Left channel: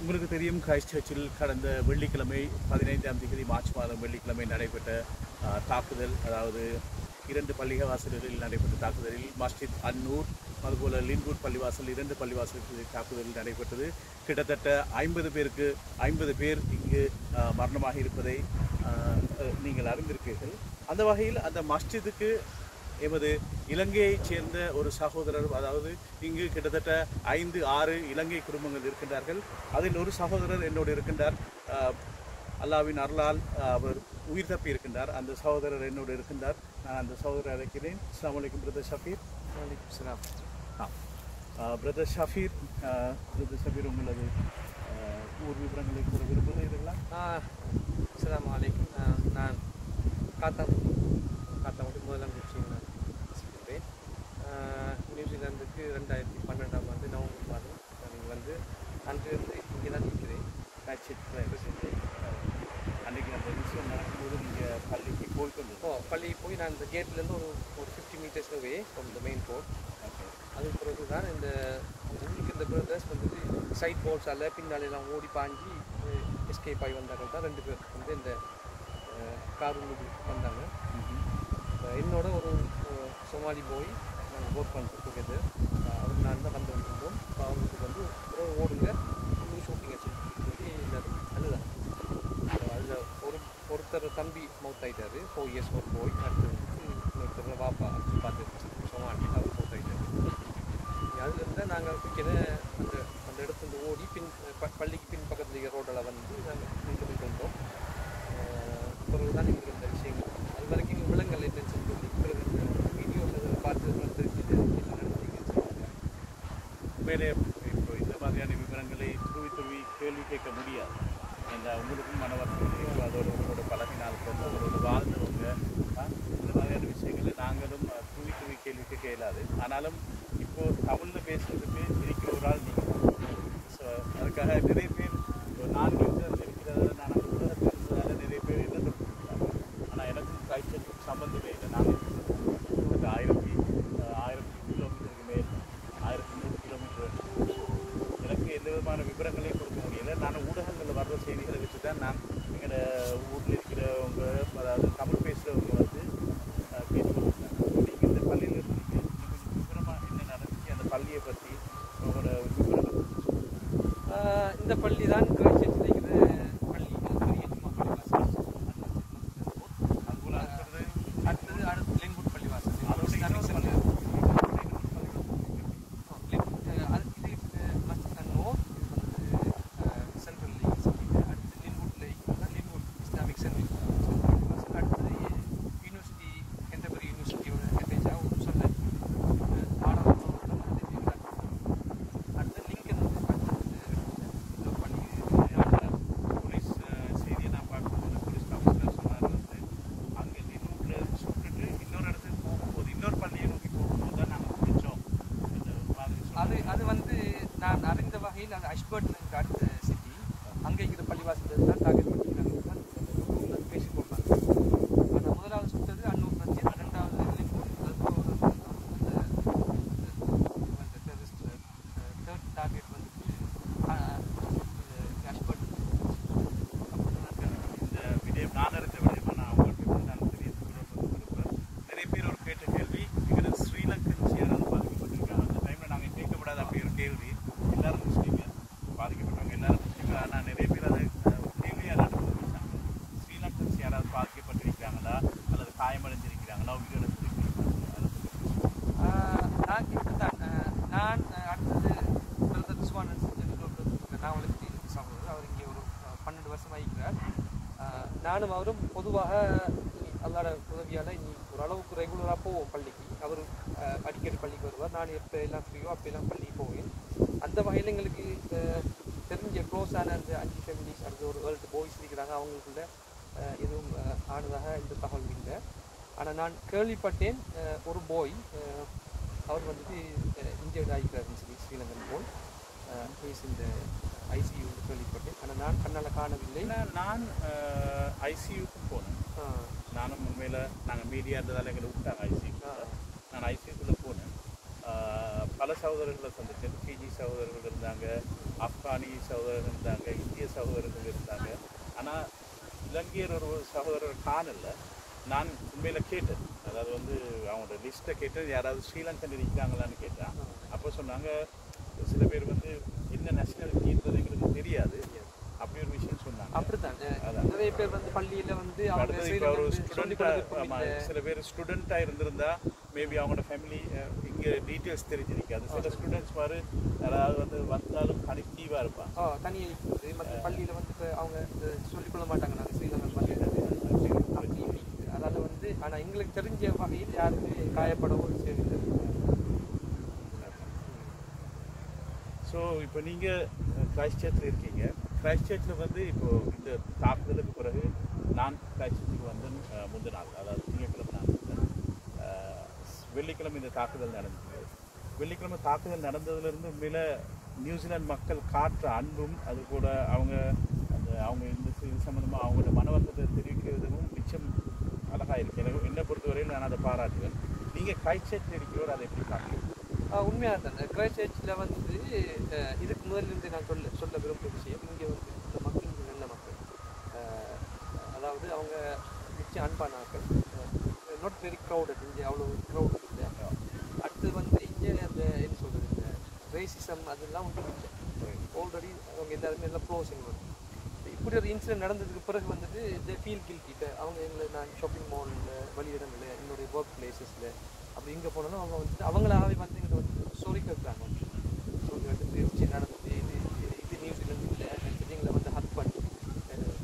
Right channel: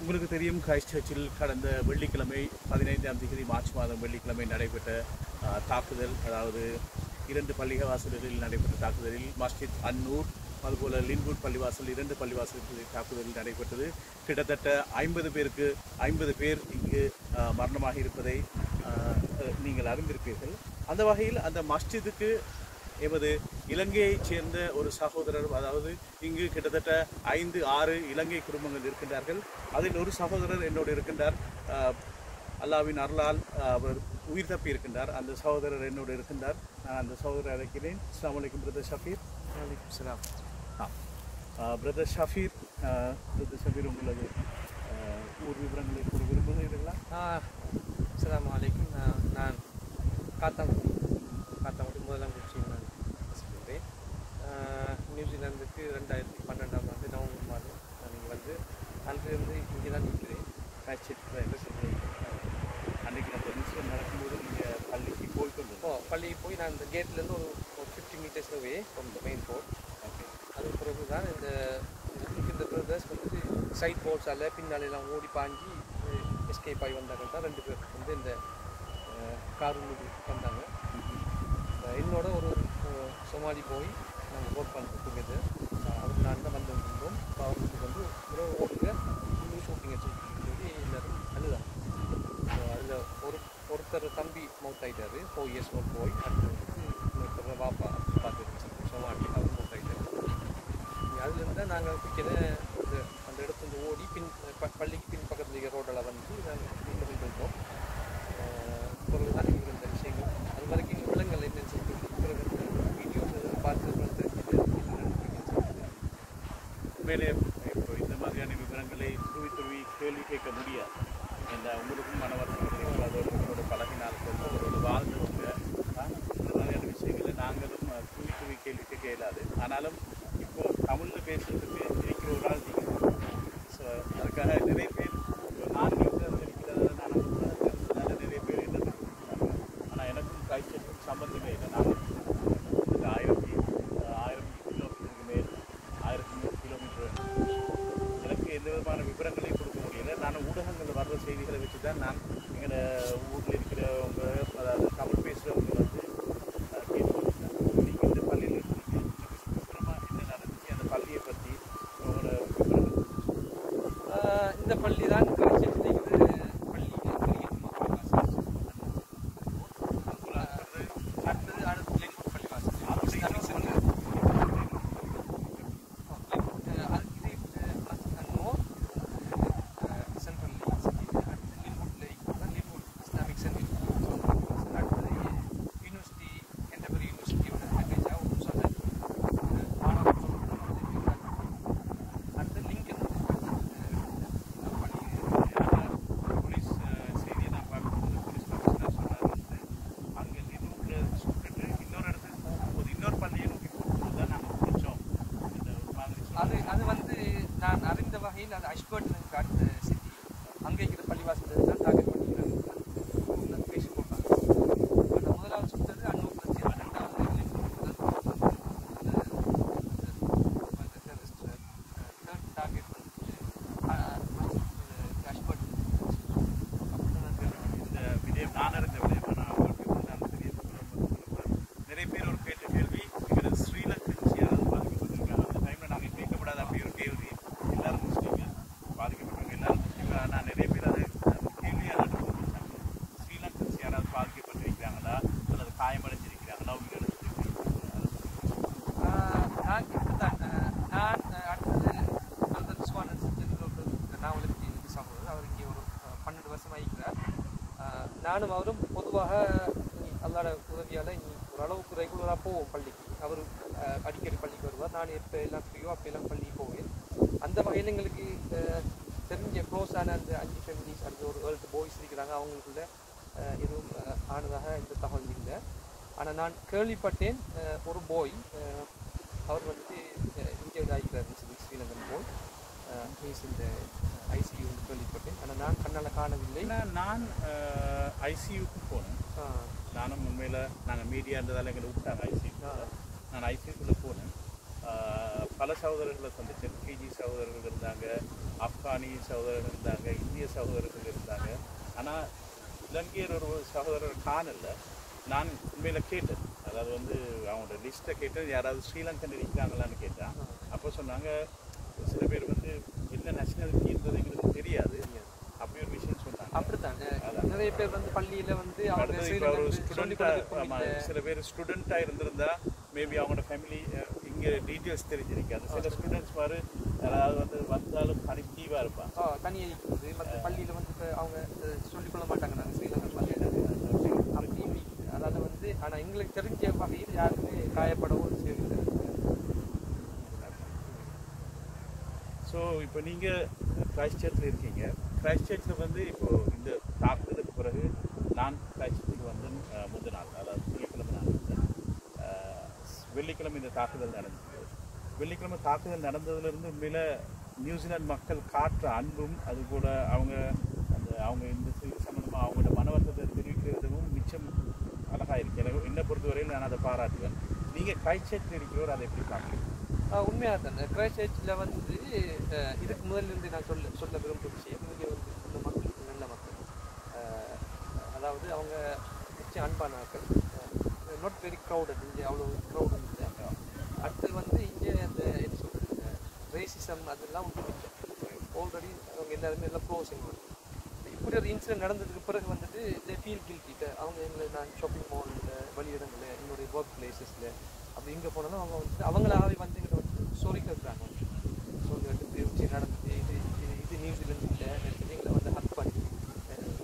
உங்களுக்கு தெரியும் கிரைஸ்ட் சர்ச்சில் கடந்த வெள்ளிக்கிழமை பதினைந்தாம் தேதி மார்ச் மாதம் வெள்ளிக்கிழமை நடைபெற்ற தாக்குதல் அதாவது இரண்டு பள்ளிவாசல்களில் நடைபெற்ற தாக்குதலில் மஸ்ஜித் அன்னூர் அதுபோல் லின்வுட் பள்ளிவாசல் இரண்டு பள்ளிவாசல்களில் தாக்குதல் நடைபெற்றது. கிட்டத்தட்ட ஐம்பது பேருக்கு ஐம்பது பேர் இங்கு மரணமாக இருப்பதை நீங்கள் அறிந்திருப்பீர்கள். அந்த வகையில் அந்த மஸ்ஜிதுக்கு எமது இலங்கையைச் சேர்ந்த ஒரு சகோதரர் அதாவது இங்கு கிட்டத்தட்ட ஐந்து ஆறு இலங்கை குடும்பங்கள் இருக்கின்றார்கள். அதில் ஒரு சகோதரர் என்னோடு இருக்கின்றார். அல்லாவின் அருளால் அவர் உயிர் தப்பி இருக்கின்றார். அந்த சகோதரர் என்னோடு இருக்கின்றார். நான் அந்த சகோதரர் அழைக்கிறேன். அஸ்ஸலாமு அலைக்கும் பிரதர் ஷஃபீர். ஆ பிரதர் ஷஃபீர் பிரதர் ஷஃபீர் உங்களது ஊர் விவரங்களை கூற விரும்புகிறீர்களா? அஸ்லாம் வலைக்கும் நான் காத்தாம் காத்தாங்குடி முதலாங்குச்சியில் நான் வசிக்கின்றேன் ஆஹ் நியூசிலாந்துக்கு ரெண்டாயிரத்தி பன்னெண்டாம் ஆண்டு நவம்பர் மாதம் நான் இங்கே வந்து அன்றிலிருந்து இங்கே தான் நிற்கிறேன் கட்சி அன்றைக்கி அந்த இன்சிடென்ட் நடக்கும்போது நீங்கள் பள்ளிக்கு போய்க்கொண்டு ஓ பள்ளிக்கு போய் நான் இந்த கேட்லேருந்து ஒரு way from the main road okay அதுக்கு பிறகு தான் இந்த உள்ளுக்கு இந்த பிரதர்ஸ் வந்துட்டு சைட் போல்ஸால் பின்னாலெல்லாம் ஓடி பாஞ்சி எஸ்கேப் ஆகி வந்தார்கள். தான் ரெண்டு பேர் வந்து இந்த கார் உள்ளுக்கு வந்தாங்க. என்னோட ஒரு சோமாலி போய் நாங்கள் ஒர்க் பண்ணுறோம் டுகெதர் அவர் நான் தான் வந்து இருந்தோம் இப்போ அவங்களுக்கு வந்து ஒரு ஓடுங்க ஃபுல்லு ஷூட்டிங் சொல்லி எல்லாரும் அழுதாங்க. ஸோ அதில் ஒரு ஒருத்தர் தம்பி மவுத் ஆகிட்டாரு ஃபோர் இயர்ஸ் ஒரு போய் அடுத்து வந்து இன்னொருத்தர் வாப்பா அப்படி பார்த்து அவர் மவுத் அதுலேருந்து நாங்கள் பிடிக்கிற அந்த அந்த இடத்துல ஓடி பின் ப- பள்ளிக்கு பின் பக்கத்தில் ரோடில் ரோட்டில் வந்து நாங்கள் மீண்டும் வந்தோம் பிறகு தான் எங்களுக்கு இந்த விஷயங்கள். அது வரைக்கும் விலங்குகள் என்னன்னு சொல்லிட்டு பிறகு வீடியோ பார்த்து பார்த்து உண்மையிலே இப்போ இந்த மாதிரியான விவரங்களை துருவி துருவி கேள்வி கேட்க முடியாது. இந்த உங்களுக்கும் மன வருத்தங்கள் அதோட உங்களோட பழகினால்கள் உங்களோட வாழ்ந்தவங்க ஆ, இந்த மாதிரியான விஷயங்களை நாங்களும் அஹ், துருவி கேள்விக்கு கேளாது. ஆனாலும் இப்போது தமிழில் பேசுகிறதுக்கு இருக்கிற ஒரு ஆள் நீங்கள் ஸோ அதுக்காக நிறைய பேர் இப்போ நான் நியூசிலாந்து இருக்கிறதால நான் அங்கே உலகத்தில் இருந்ததால நிறைய பேர் என்ன சொல்லியிருக்காங்க ஆனால் எனக்கும் காய்ச்சலுக்கும் சம்பந்தமே இல்லை நாங்கள் கிட்டத்தட்ட ஆயிரத்தி அஹ், ஆயிரம் கிலோமீட்டருக்கு மேல் ஆயிரத்தி நூறு கிலோமீட்டர் எனக்கு எந்த விதமான விவரங்களையும் கொடுக்க முடியல நான் ஊடகங்களில் வர்ற செய்திகளை வச்சு தான் நான் எங்களோட ஊரில் இருக்கிறவங்க அதாவது தமிழ் பேசுகிறவங்க வந்து அஹ், கேட்டுக்கொண்டிருக்காங்க நீங்கள் இந்த பள்ளியில் இருந்தீங்க இன்னும் கொஞ்சம் விவரமாக என்ன நடந்துச்சு அந்த பள்ளியை பற்றி உங்களோட விவரங்கள் கொஞ்சம் சொல்லுங்க. ஆஹ் இந்த பள்ளி தான் காய்ச்சல் நினைக்கிற பள்ளி அதுபோல் அடுத்தது அடுத்தது அடுத்து லெங்கூட் பள்ளி வாசல் அதோட இன்னொரு பள்ளி சென்ட்ரல் அடுத்து லிம்பூட்டில் இருக்கிறது லிம்பூட் இஸ்லாமிக் சென்டர் அடுத்தது யூனிவர்சிட்டி கெண்டபரி யூனிவர்சிட்டியோட அட்டாச்சாக ஒரு சொன்ன மாணவர் அடுத்து லிங்கன் பண்ணி போலீஸ் அஹ், செய்தியை நான் பார்க்கும்போது போலீஸ் கமிஷனர் சொன்னார் வந்து அங்கே லினூட்டில் சுட்டுட்டு இன்னொரு இடத்துக்கு போகும்போது இன்னொரு பள்ளியை நோக்கி போகும்போது தான் நாங்கள் பிடிச்சோம் இந்த ஒரு மாதிரி அது சொன்னாங்க அது வந்து நான் அறிந்த வகையில் அது அஷ்பர்ட் அடுத்த சிட்டி அங்கே இருக்கிற பள்ளிவாசல் தான் டார்கெட் பண்ணிக்கிறாங்க பேசி போட்டாங்க. அந்த முதலாவது சுத்தது அன்னூர் பிரச்சனை ரெண்டாவது தேர்ட் டார்கெட் வந்து அஷ்பர்ட் இந்த விடயம் நான் இருக்க விடயமா நான் அவங்களுக்கு வந்து நான் தெரிய விரும்புகிறேன் நிறைய பேர் ஒரு கேட்ட கேள்வி எங்களது ஸ்ரீலங்கன்ஸ் யாராவது பாதிக்கப்பட்டிருக்காங்க அந்த டைமில் நாங்கள் கேட்கப்படாத அப்படி ஒரு கேள்வி எல்லாரும் முஸ்லீம்கள் பாதிக்கப்பட்டவங்க எல்லாரும் முஸ்லீம்கள் ஆனால் நிறைய பேர் அதை அஹ், ஒரு கேள்வியாக நடந்து வச்சாங்க ஸ்ரீலங்கன்ஸ் யாராவது பாதிக்கப்பட்டிருக்கிறாங்களா அல்லது காயமடைஞ்சிருக்கிறாங்களா உயிரிழந்திருக்கிறாங்களா அதை பற்றி ஆஹ் நான் இப்படித்தான் ஆஹ் நான் ஆஹ் அடுத்தது பிரதர் ரிஸ்வான் நான் வளர்ச்சி சகோதரர் அவர் இங்கே ஒரு ஆஹ் பன்னெண்டு வருஷம் ஆகிக்கிறார் ஆஹ் நானும் அவரும் பொதுவாக அல்லாட உதவியால் ஓரளவுக்கு ரெகுலராக போவோம் பள்ளிக்கு. அவர் அடிக்கடி பள்ளிக்கு வருவார். நான் எப்போ எல்லாம் ஃப்ரீயோ அப்படியெல்லாம் பள்ளிக்கு போவேன். அந்த வகையில் எங்களுக்கு தெரிஞ்ச க்ளோஸான அந்த அஞ்சு ஃபேமிலி அடுத்து ஒரு ஏழு பாய்ஸ் இருக்கிறாங்க. அவங்களுக்குள்ள எதுவும் ஆனதாக இந்த தகவல் இல்லை. ஆனால் நான் கேள்விப்பட்டேன் ஒரு போய் அவர் வந்துட்டு இந்தியாவில் ஆகிக்கிறாருன்னு சொல்லி ஸ்ரீலங்கன் போய் ஹீஸ் ஐசியூ கேள்விப்பட்டேன். ஆனால் நான் கண்ணால் காணவில்லை. நான் ஐசியூக்கும் போனேன். நானும் உண்மையில் நாங்கள் மீடியா இருந்ததால் எங்களை விட்டாங்க ஐசியூ. நான் ஐசியூக்குள்ளே போனேன். பல சகோதரர்களை சந்திச்சேன். பிஜி சகோதரர்கள் இருந்தாங்க ஆப்கானி சகோதரர்கள் இருந்தாங்க இந்திய சகோதரர்கள் இருந்தாங்க. ஆனால் இலங்கையர் ஒரு சகோதரர் காணல. நான் உண்மையில கேட்டேன். அதாவது வந்து அவங்களோட லிஸ்ட்டை கேட்டேன். யாராவது ஸ்ரீலங்கன் இருக்கிறாங்களான்னு கேட்டேன். அப்போ சொன்னாங்க சில பேர் வந்து என்ன நேஷனாலிட்டின்றது எங்களுக்கு தெரியாது. அப்படி ஒரு விஷயம் சொன்னாங்க. அப்படித்தான். நிறைய பேர் வந்து பள்ளியில வந்து இப்போ ஒரு ஸ்டூடெண்டா சில பேர் ஸ்டூடெண்டா இருந்திருந்தா மேபி அவங்களோட ஃபேமிலி இங்க டீட்டெயில்ஸ் தெரிஞ்சிருக்காது. சில ஸ்டூடெண்ட்ஸ் மாதிரி யாராவது வந்து வந்தாலும் கனெக்டிவா இருப்பான் ஆ, தனியா இருக்குது மற்ற பள்ளியில வந்து இப்ப அவங்க சொல்லிக் கொள்ள மாட்டாங்க. நாங்க ஸ்ரீலங்கன். அதாவது வந்து ஆனா எங்களுக்கு தெரிஞ்ச வகையில் யாருமே காயப்படவோ செய்யல ஸோ இப்போ நீங்கள் கிரைஸ்ட் சர்ச்சில் இருக்கீங்க. கிரைஸ்ட் சர்ச்சில் வந்து இப்போ இந்த தாக்குதலுக்கு பிறகு நான் கிரைஸ்ட் சர்ச்சுக்கு வந்து முந்த நாள் அதாவது திங்கக்கிழமை நான் வந்தேன் வெள்ளிக்கிழமை இந்த தாக்குதல் நடந்தது. வெள்ளிக்கிழமை தாக்குதல் நடந்ததுலேருந்து உண்மையில நியூசிலாந்து மக்கள் காட்டுற அன்பும் அது கூட அவங்க அந்த அவங்க இந்த இது சம்மந்தமாக அவங்களோட மனவர்த்தத்தை தெரிவிக்கிற விதமும் மிச்சம் அழகாக இருக்குது எனக்கு என்னை பொறுத்தவரையில் நான் அதை பாராட்டுவேன். நீங்கள் கிரைஸ்ட் சர்ச்சில் இருக்கிறவர் அதை எப்படி பார்க்குறீங்க உண்மையாக தானே. கிரைஸ்டேஜில் வந்து இதுக்கு முதல்ல இருந்து நான் சொல்ல சொல்ல விரும்புகிற விஷயம் இங்கே வந்து இந்த மக்கள் நல்ல மக்கள். அதாவது அவங்க நிச்சயம் அன்பான ஆக்கள் நாட் வெரி க்ரௌடட் இங்கே அவ்வளோ க்ரௌடட் இல்லை. அடுத்தது வந்து இங்கே அந்த என்ன சொல்கிறது இந்த ரேசிசம் அதெல்லாம் ஒன்றும் இல்லை. ஆல்ரெடி அவங்க எல்லாருமே எல்லாம் க்ளோசிங் வரும் இப்படி ஒரு இன்சிடென்ட் நடந்ததுக்கு பிறகு வந்துட்டு இந்த ஃபீல் கில்ட்டிட்ட அவங்க எங்களை நான் ஷாப்பிங் மாலில் வழியிடங்களில் என்னுடைய ஒர்க் பிளேசஸில் நம்ம இங்கே போனாலும் அவங்க வந்துட்டு அவங்களாவே வந்து எங்கிட்ட வந்து சொல்லி சொல்லி வந்து ஓகே நடந்து இது இது- இது நியூசிலாந்து இல்லை எங்களை வந்து ஹக் பண்ணி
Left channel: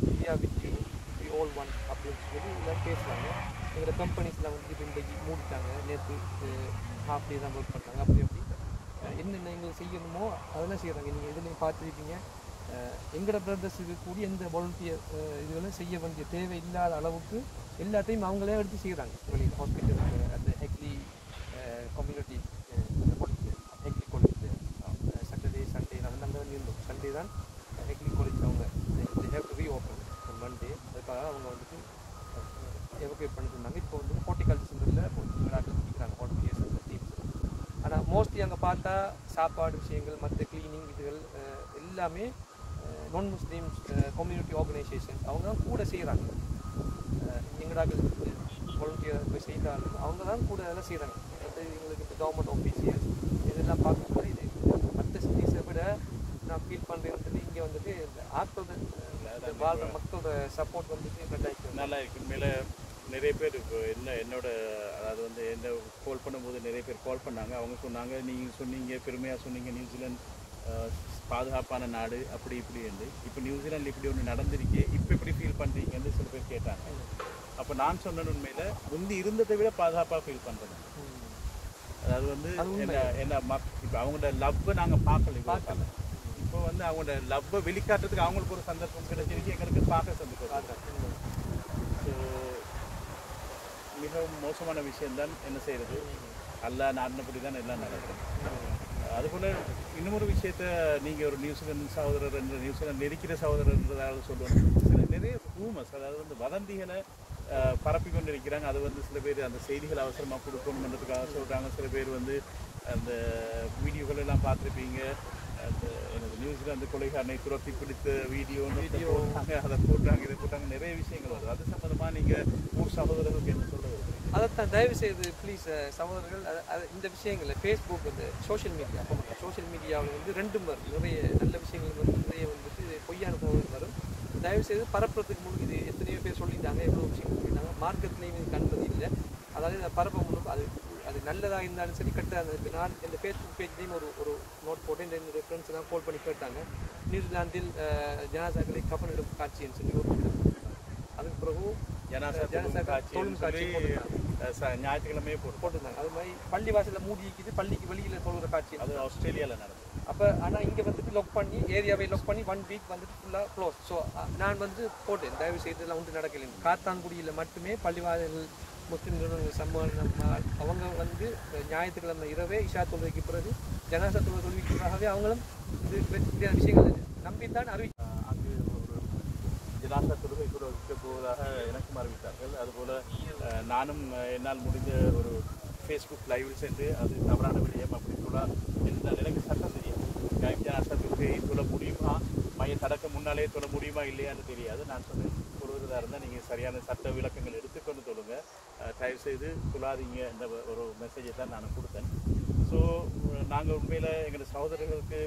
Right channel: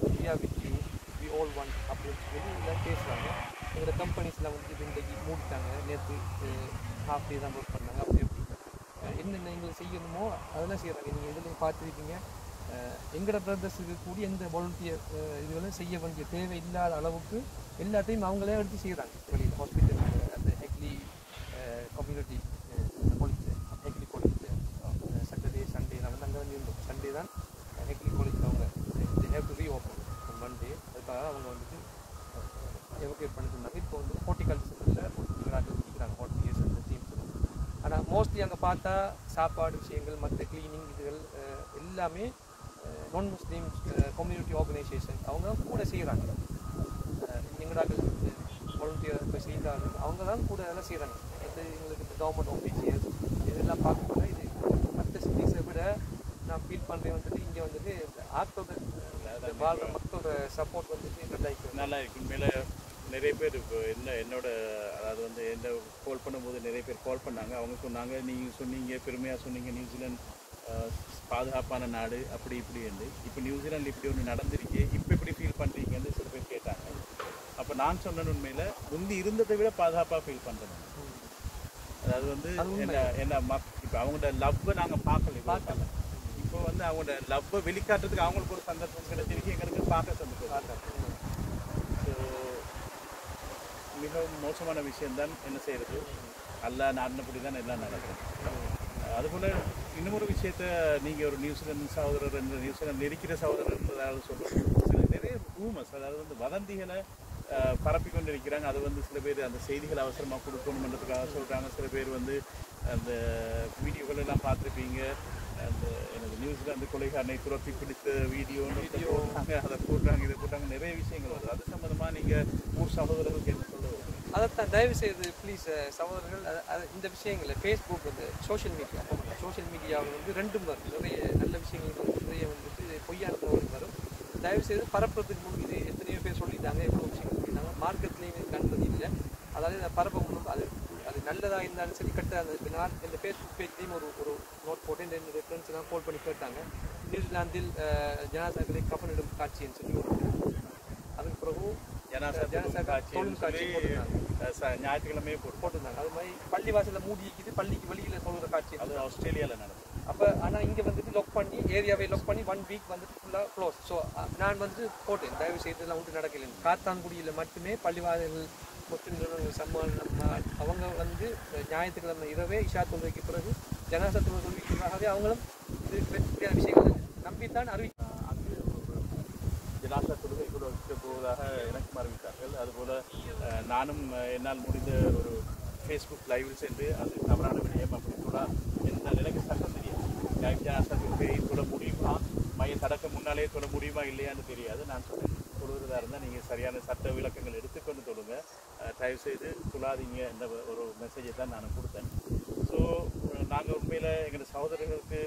India with you we all one அப்படின்னு சொல்லி எல்லாம் பேசுகிறாங்க எங்களோட கம்பெனிஸ்லாம் வந்து இப்போ இன்றைக்கு மூடிட்டாங்க. நேற்று ஹாஃப் டே தான் ஒர்க் பண்ணாங்க. அப்படி அப்படி. என்னென்ன எங்களுக்கு செய்யணுமோ அதெல்லாம் செய்கிறாங்க நீங்கள் இதுலையும் பார்த்துருக்கீங்க. எங்களோட பிரதர்ஸுக்கு கூடிய எந்த வாலண்டியர் இதுகளும் செய்ய வேண்டிய தேவை இல்லாத அளவுக்கு எல்லாத்தையும் அவங்களே எடுத்து செய்கிறாங்க வெளியில் ஹாஸ்பிட்டல் கம்யூனிட்டி இந்த college Hagley college Saturday Sunday நான் வந்து அங்கே இருந்தோம். சண்டே தான் eh, ஹெக்லி காலேஜ் அவங்க have to be open Monday அதுக்காக அவங்க வந்துட்டு eh, எவகேட் பண்ணி சொன்னாங்க. இப்போ வந்து ஹார்டிகல்ச்சர் சென்டரில் போட்டு இருக்கிறாங்க ஹார்டிகல்ச்சர் அந்த டீம்ஸ் ஆனால் மோஸ்ட்லி அங்கே பார்த்தா சாப்பாடு விஷயங்கள் மற்ற கிளீனிங் இதுகள் eh, எல்லாமே நான் முஸ்லீம் கம்யூனிட்டி ஆர்கனைசேஷன் அவங்க தான் கூட செய்கிறாங்க எங்கடாக வாலண்டியர் இப்போ செய்தாலும் அவங்க தான் கூட எல்லாம் செய்கிறாங்க மற்ற எங்களுக்கு இந்த கவர்மெண்ட் ஆஃபீஸியர்ஸ் இதெல்லாம் பார்க்கக்கூட இது மற்ற சிட்டிஸை விட நான் ஃபீல் பண்ணுறேன் வந்துட்டு இங்கே வந்துட்டு இந்த ஆற்றோட வாழ்கிற மக்களோட சப்போர்ட் வந்துட்டு கட்டாயிருக்கு நல்லா இருக்கு உண்மையில நிறைய பேர் இப்போ என்ன என்னோட அதாவது வந்து என்ன கால் பண்ணும்போது நிறைய பேர் கால் பண்ணாங்க. அவங்க சொன்னாங்க நீங்கள் சொன்னீங்க பெருமையாக சொன்னீங்க நியூசிலாந்து பாதுகாப்பான நாடு அப்படி இப்படி இருந்து இப்போ நியூசிலாந்து இப்படி ஒன்று நடந்திருக்கு இப்போ எப்படி ஃபீல் பண்ணுறீங்கன்னு சில பேர் கேட்டாங்க. அப்போ நான் சொன்னேன் உண்மையில் முந்தி இருந்ததை விட பாதுகாப்பாக ஃபீல் பண்ணுறேன் அதாவது வந்து என்ன என்ன இப்போ அவங்களோட லவ்வை நாங்கள் பார்க்கல காலம். இப்போ வந்து அவங்களோட லவ்வை வெளிக்காட்டுறதுக்கு அவங்களுக்கு ஒரு சந்தர்ப்பம் கிடைச்சிருக்கு எங்களுக்கு பார்க்க சந்தர்ப்பம் ஸோ மிகவும் மோசமான விஷயம்தான் என்ன செய்யறது? அல்ல நாடினபடி தான் எல்லாம் நடக்குது அதுபோல இன்னொரு விஷயத்த நீங்க ஒரு நியூசிலாந்து சகோதரர் என்ற நியூசிலாந்து நெருக்கிற சகோதரர் என்றதாவது சொல்லுவோம் சில நிறைய ரூமர்ஸ் அதாவது வந்து வதந்திகளை பரப்பி கொண்டு இருக்கிறாங்க அது வந்து சில பேர் அந்த செய்திகளை அவசரமா கொடுக்கணுன்றதுக்காக சொல்றாங்க. சில பேர் வந்து அந்த வீடியோகள் எல்லாம் பார்த்துருப்பீங்க. அந்த எனது நியூசிலாந்து கொலைகாரனை துரத்தி பிடித்த வீடியோன்னு போட்டாங்க. அதை போட்டாங்க இதை போட்டாங்க. நிறைய விஷயங்கள் வருது. அது சம்பந்தமா நீங்க ஊர் சகோதரர்களுக்கு என்ன சொல்ல வருகிறீங்க அதைத்தான் தயவு செய்து ப்ளீஸ் சகோதரர்கள் இந்த விஷயங்களை ஃபேஸ்புக் வந்து சோஷியல் மீடியா சோஷியல் மீடியாவில் வந்து ரெண்டும் வரும் நிறைய நல்ல விஷயங்கள் நிறைய வந்துட்டு பொய்யான தகவல் வரும். தயவு செய்து பரப்புறதுக்கு முன்னாடி இது எத்தனையோ பேர் சொல்லிட்டாங்க. எவ்வளோ விஷயங்கள் இதுக்கு அனுமதி இல்லை அதாவது இதை பரப்ப முன்னுக்கு அது அது நல்லதாக இருந்தாலும் சரி கெட்டதாக இருந்தாலும் நான் இந்த ஃபேஸ்புக் பேஜ்லேயும் ஒரு ஒரு நோட் போட்டு இந்த என்னுடைய ஃப்ரெண்ட்ஸ் எல்லாம் கால் பண்ணி போயிட்டாங்க நியூசிலாந்தில் அஹ், ஜனாதாக்களை கப்பனிடும் காட்சின்னு சொல்லி ஒரு. அதுக்கு பிறகு ஞாயிற்றுக்கிழமையே போட்டு போட்டிருந்தாங்க. அது மாதிரி பள்ளி வாசல்ல மூடி இருக்குது பள்ளிக்கு வெளியில சொல்கிற காட்சி அது ஆஸ்திரேலியால நடந்தது. அப்போ ஆனால் இங்கே வந்துட்டு லாக் பண்ணி ஏரியாவை லாக் பண்ணி ஒன் வீக் வந்துட்டு ஃபுல்லாக க்ளோஸ் ஸோ நான் வந்து போட்டேன். தயவு செய்து இதெல்லாம் ஒன்றும் நடக்கலை காத்தான்குடியில் மட்டுமே பள்ளிவாதிகள் முஸ்லீம் நிறுவனங்கள் சம்மானம் அவங்க வந்து ஞாயிற்றுக்கிழமை இரவே இஷா தொழுகைக்கு பிறகு ஜனாசா தொழுகை தொழுவிக்கிறதாகவே அவங்களும் இது இப்படியான விஷயங்களை நம்பித்தான் அறிவி அங்கு ஒரு ஜனாசா தொழுகை கூட வைக்க போவதாக எனக்கும் அறிவித்தார்கள். அதுபோல் நானும் என்னால் முடிந்த ஒரு ஃபேஸ்புக் லைவில் சென்று அது தவறான விடயம் அப்படி சொல்லலாம் என்ற நிலைக்கு சட்டம் தெரியாது. கைவித்தியாசத்துக்கு சொல்ல முடியுமா? மைய தடக்க முன்னாலே சொல்ல முடியுமா இல்லையான்னு தெரியாது. நான் சொல்றேன் சொல்வதா இருந்தால் நீங்கள் சரியான சட்ட விளக்கங்கள் எடுத்துக்கொண்டு சொல்லுங்க. தயவுசெய்து தயவு செய்து சொல்லாதீங்க இந்த ஒரு மெசேஜை தான் நான் கொடுத்தேன். ஸோ நாங்கள் உண்மையில் எங்கள் சகோதரர்களுக்கு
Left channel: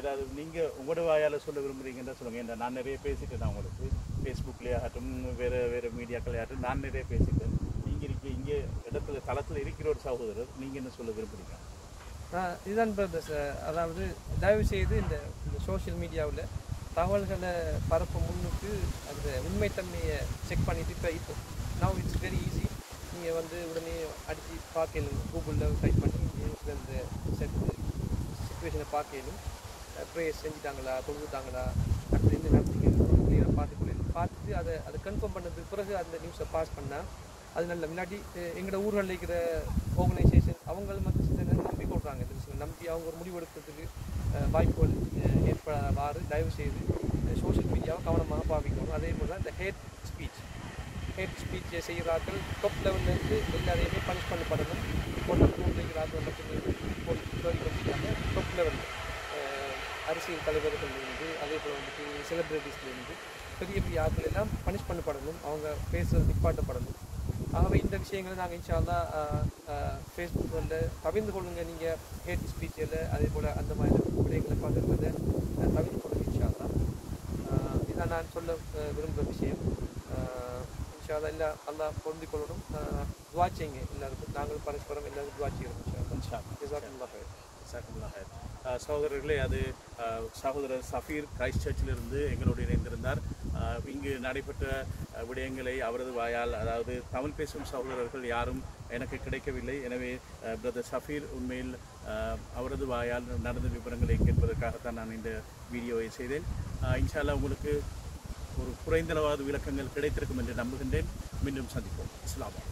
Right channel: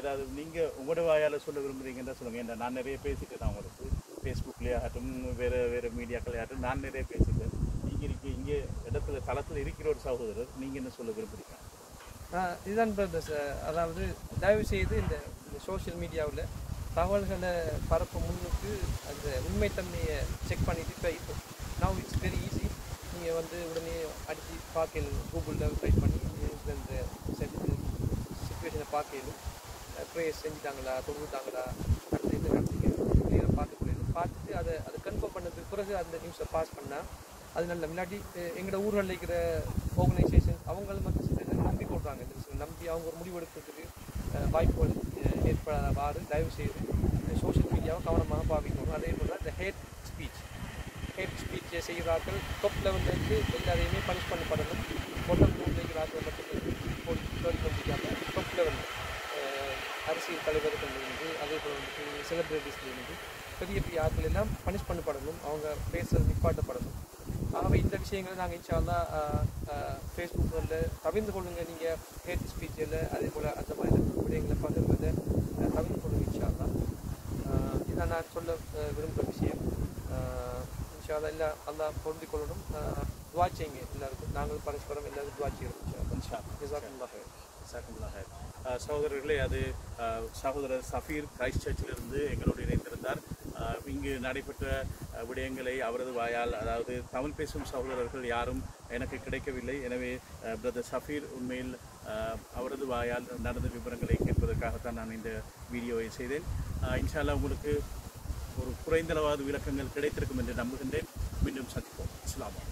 ஏதாவது நீங்கள் உங்களோட வாயால் சொல்ல விரும்புறீங்கன்னா சொல்லுங்கள் ஏன்னா நான் நிறைய பேசிட்டேன் நான் உங்களுக்கு. ஃபேஸ்புக்லேயே ஆகட்டும் வேறு வேறு மீடியாக்களே ஆகட்டும் நான் நிறைய பேசிட்டேன். நீங்கள் இருக்க இங்கே இடத்துல தளத்தில் இருக்கிற ஒரு சகோதரர் நீங்கள் என்ன சொல்ல விரும்புகிறீங்க இதுதான் பிரதர்ஸ் அதாவது தயவு செய்து இந்த இந்த சோஷியல் மீடியாவில் தகவல்களை பரப்ப முன்னுக்கு அந்த உண்மைத்தன்மையை செக் பண்ணிவிட்டு இப்போ இப்போ நவ் இட்ஸ் வெரி ஈஸி நீங்கள் வந்து உடனே அடித்து பார்க்கலும் கூகுளில் டைப் பண்ணி இந்த செட்டு சுச்சுவேஷனை பார்க்கலும் ப்ரேயர் செஞ்சுட்டாங்களா? தொழுதுட்டாங்களா? அடுத்து என்ன நடந்தீங்க கிளியராக பார்த்து கொள்ளணும். பார்த்துட்டு அதை அதை கன்ஃபார்ம் பண்ணதுக்கு பிறகு அந்த நியூஸை பாஸ் பண்ணால் அது நல்ல முன்னாடி எங்களோட ஊர்களில் இருக்கிற ஆர்கனைசேஷன் அவங்களும் வந்து நம்பி கொள்றாங்க இந்த விஷயம். நம்பி அவங்க ஒரு முடிவு எடுக்கிறதுக்கு வாய்ப்புகள் அஹ், ஏற்படாதவாறு தயவு செய்து சோஷியல் மீடியாவை கவனமாக பாவிக்கணும். அதே போல் இந்த ஹேட் ஸ்பீச் ஹேட் ஸ்பீச் செய்கிறார்கள் டாப் லெவல்லேருந்து எல்லாரையுமே பனிஷ் பண்ணப்படணும். பொட்டம் ரூமில் இருக்கிறார்கள் மட்டுமே போய் தேடி டாப் லெவலில் அரசியல் தலைவர்கள்லேருந்து அதே போல் வந்துட்டு செலிப்ரிட்டிஸ்லேருந்து பெரிய பெரிய ஆட்கள் எல்லாம் பனிஷ் பண்ணப்படணும். அவங்க பேசுறது நிப்பாட்டப்படணும். ஆகவே இந்த விஷயங்களை நாங்கள் இன்ஷால்லா ஃபேஸ்புக்கில் தவிர்ந்து கொள்ளுங்க. நீங்கள் ஹேட் ஸ்பீச்சில் அதே போல் அந்த மாதிரி விடயங்களை பகிர்வதை அஹ், தவிர்த்து கொள்ளுங்க இன்ஷால்லா இதான் நான் சொல்ல விரும்புகிற விஷயம். இன்ஷால்லா எல்லா அல்லாஹ் பொருந்திக் கொள்ளணும். துவா செய்யுங்க. எல்லாருக்கும் நாங்களும் பரஸ்பரம் எல்லாரும் துவா செய்யணும் இன்ஷால்லா இன்ஷா சகோதரர்களே அது சகோதரர் சஃபீர் கிரைஸ்ட் சர்ச்சிலிருந்து எங்களோடு இணைந்திருந்தார். இங்கு நடைபெற்ற விடயங்களை அவரது வாயால் அதாவது தமிழ் பேசும் சகோதரர்கள் யாரும் எனக்கு கிடைக்கவில்லை. எனவே பிரதர் சஃபீர் உண்மையில் அவரது வாயால் நடந்த விவரங்களை கேட்பதற்காகத்தான் நான் இந்த வீடியோவை செய்தேன். இன்ஷால்லா உங்களுக்கு ஒரு குறைந்தளவாத விளக்கங்கள் கிடைத்திருக்கும் என்று நம்புகின்றேன். மீண்டும் சந்திப்போம். இஸ்லாமா